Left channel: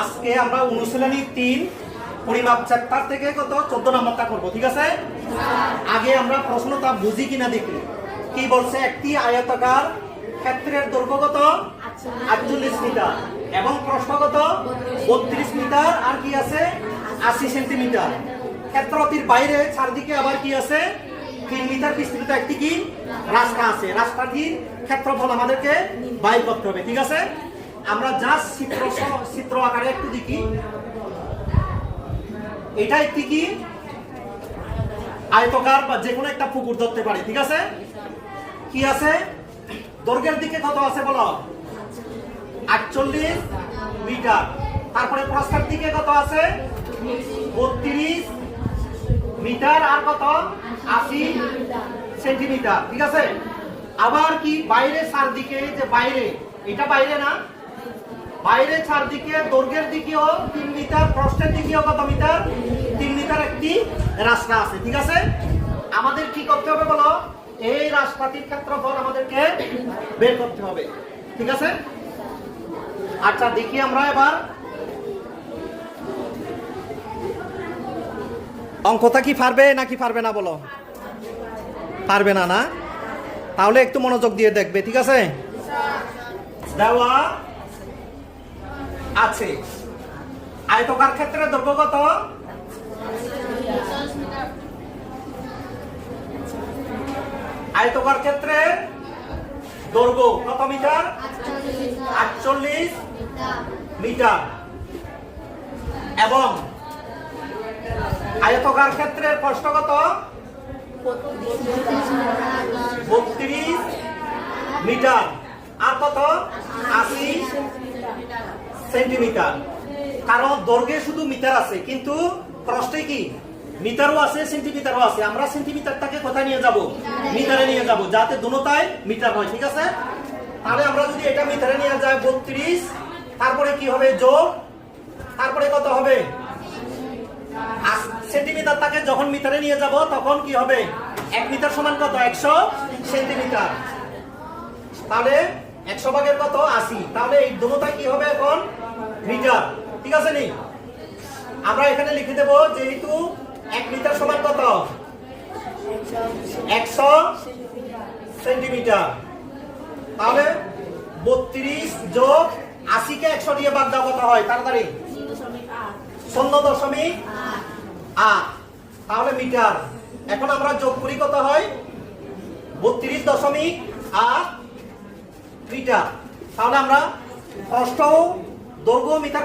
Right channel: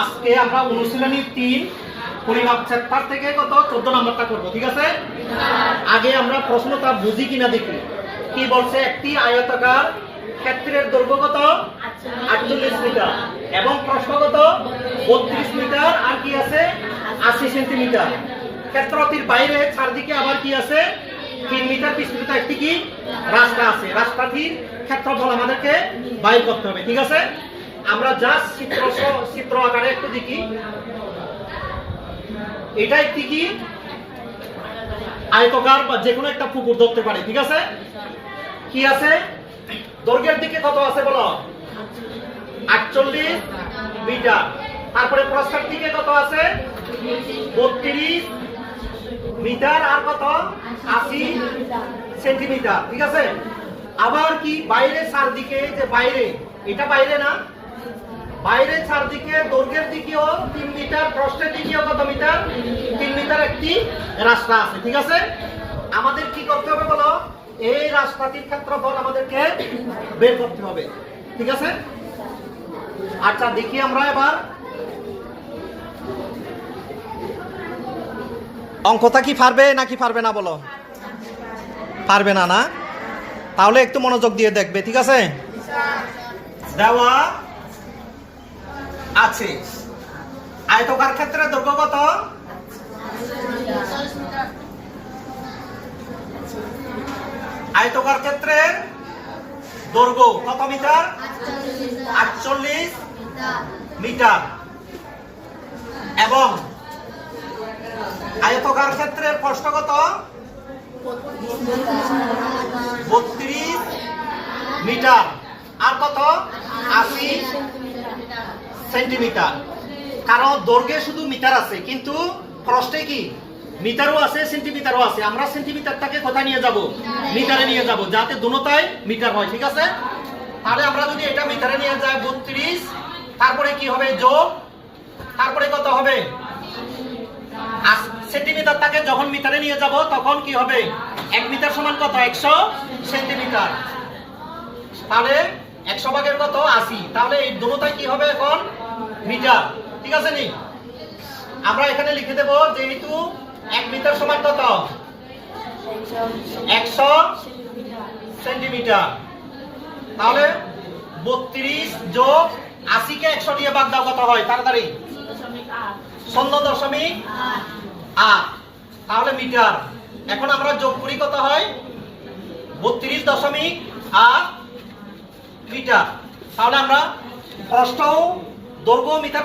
আজকে আমরা অনুশীলনী 3 পরিমাপ চ্যাপ্টার থেকে কত 14 নাম্বারটা করব, ঠিক আছে? আগে আমরা প্রশ্নটা বুঝি কিনা দেখি। কি বলছে? একটি আয়তাকার ক্ষেত্রের দৈর্ঘ্য কত 48 মিটার এবং প্রস্থ কত 32 মিটার আর কি আছে 80 সেন্টিমিটার। ক্ষেত্রটির বাইরে চারদিকে আবার কি আছে 3 মিটার বিস্তৃত একটি কি রাস্তা আছে। রাস্তাটির ক্ষেত্রফল আমাদেরকে বাইর করতে হবে, ঠিক আছে? আমরা জাস্ট চিত্র আকারে একটু দেখি। এটা একটি কি আয়তাকার বা যে কোনো একটা পুকুর ধরতে পারে, ঠিক আছে? কি আছে দৈর্ঘ্যের দিকে কত আছে বলো 48 মিটার, তারপরে প্রস্থের দিকে কত আছে 32 মিটার আর কত 80 সেন্টিমিটার, ঠিক আছে? আবার কি বাইরে চারদিকে, যে বাইরে এটা বাইরে না, বাইরে চারদিকে দৈর্ঘ্যের দিকেও 3 মিটার, প্রস্থের দিকেও কত মিটার 3 মিটার একটি রাস্তা আছে, ঠিক আছে? আমাদের কি করতে হবে বলো এই রাস্তাটির ক্ষেত্রফল আমাদেরকে বের করতে হবে, ঠিক আছে? আচ্ছা দেখি আমরা এবার অঙ্কটা কি পারবে নাকি পারবে না বলো? পারবে না, না? তাহলে একটু মনোযোগ দিয়ে দেখবে, ঠিক আছে? দেওয়া আছে আয়তাকার ক্ষেত্রের দৈর্ঘ্য কত আয়তাকার ক্ষেত্রে দৈর্ঘ্য কত মিটার 48 মিটার এবং আয়তাকার ক্ষেত্রের প্রস্থ কত 32 মিটার আর কত 80 সেন্টিমিটার। কারণ দৈর্ঘ্যে শুধু মিটার আছে কিন্তু প্রস্থে কি মিটারও আছে সেন্টিমিটারও আছে। আমরা সেন্টিমিটারটাকে কোথায় নিয়ে যাব মিটারে নিয়ে যাব, যাতে দুটোটাই মিটার হয়, ঠিক আছে? তাহলে আমরা যদি এটা মিটারে নিয়ে যাই 32, তারপরে কি হবে যোগ, তারপরে কত হবে সেন্টিমিটারটাকে যখন মিটারে নিয়ে যাব তখন কি হবে 1 মিটার সমান কত 100 সেন্টিমিটার। তাহলে 100 ভাগের কত 80, তাহলে এই দুটোটাই কি হবে এখন মিটার, ঠিক আছে? নি আমরা এখানে লিখে দেব যেহেতু 1 মিটার সমান কত 100 সেন্টিমিটার, তাহলে 32 যোগ 80 কে 100 দিয়ে ভাগ দাও কত হয় তাড়াতাড়ি 0.8, তাহলে মিটার। এখন আমরা যোগ করি কত হয় 32.8 মিটার। তাহলে আমরা প্রস্থ দৈর্ঘ্য মিটার